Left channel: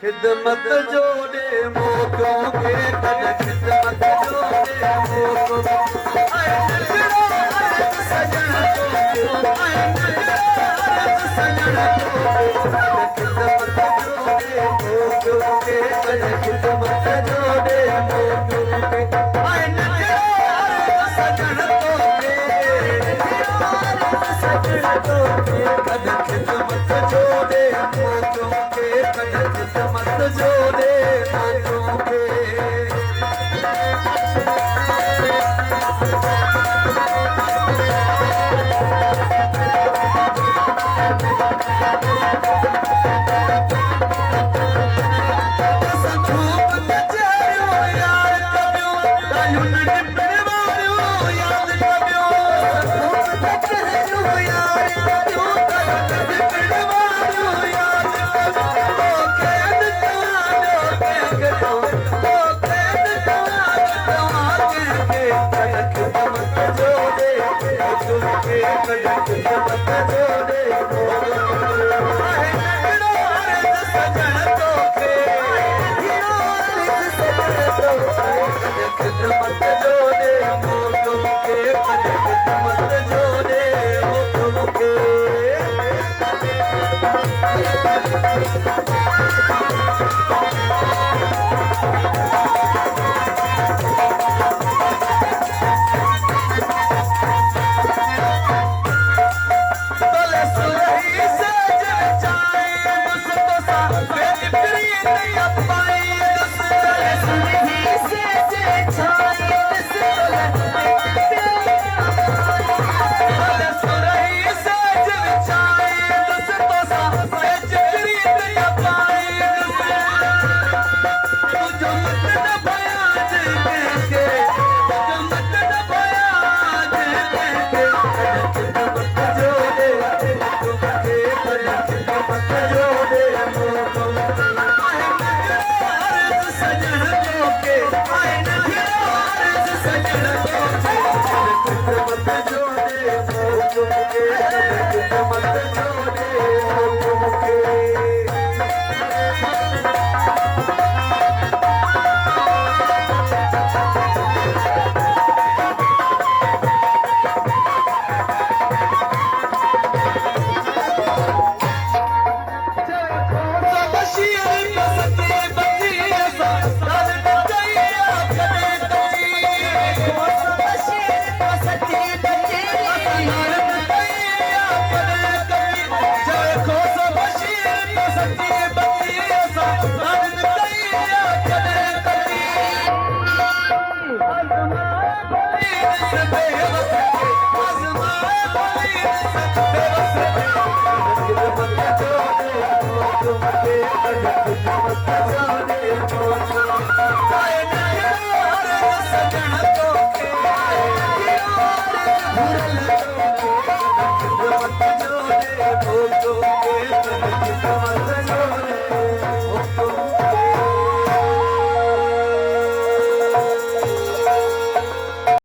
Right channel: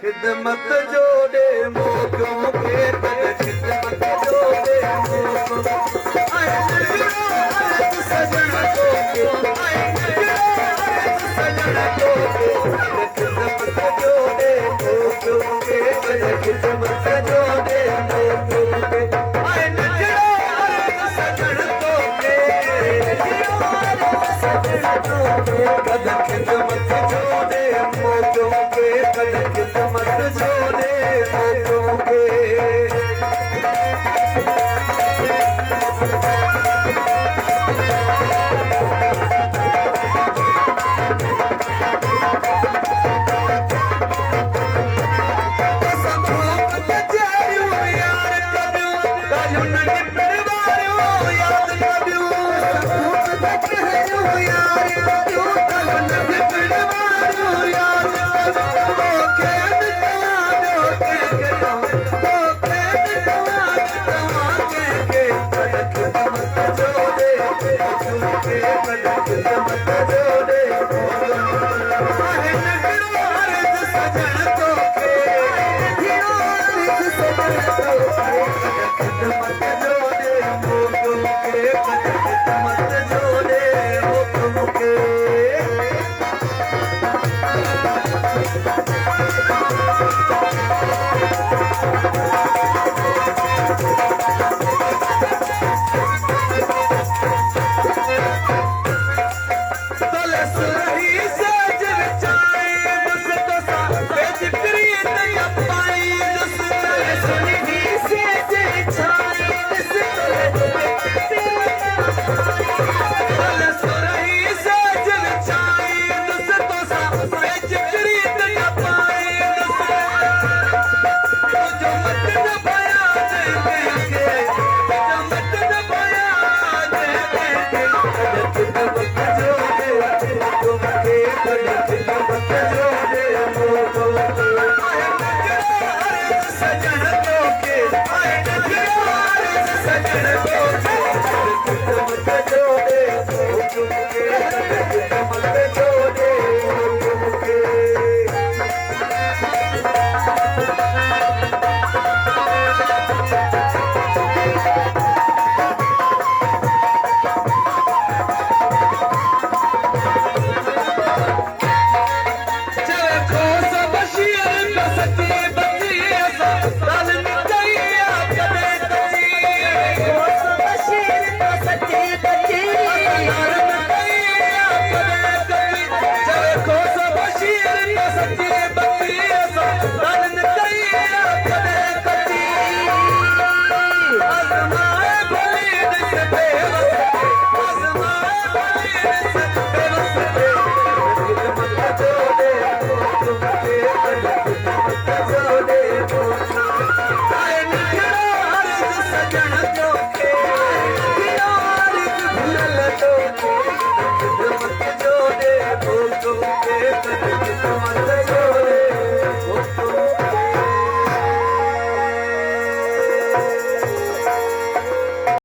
खिदमत जोड़े मोकों के कद खिदमत जोड़े मोकों आए नजरो सजन को आए नजरो सजन को खिदमत जोड़े मोकों के कद खिदमत जोड़े मोकों के आए नजरो सजन को सजन को कद खिदमत जोड़े मोकों के कद खिदमत जोड़े मोकों के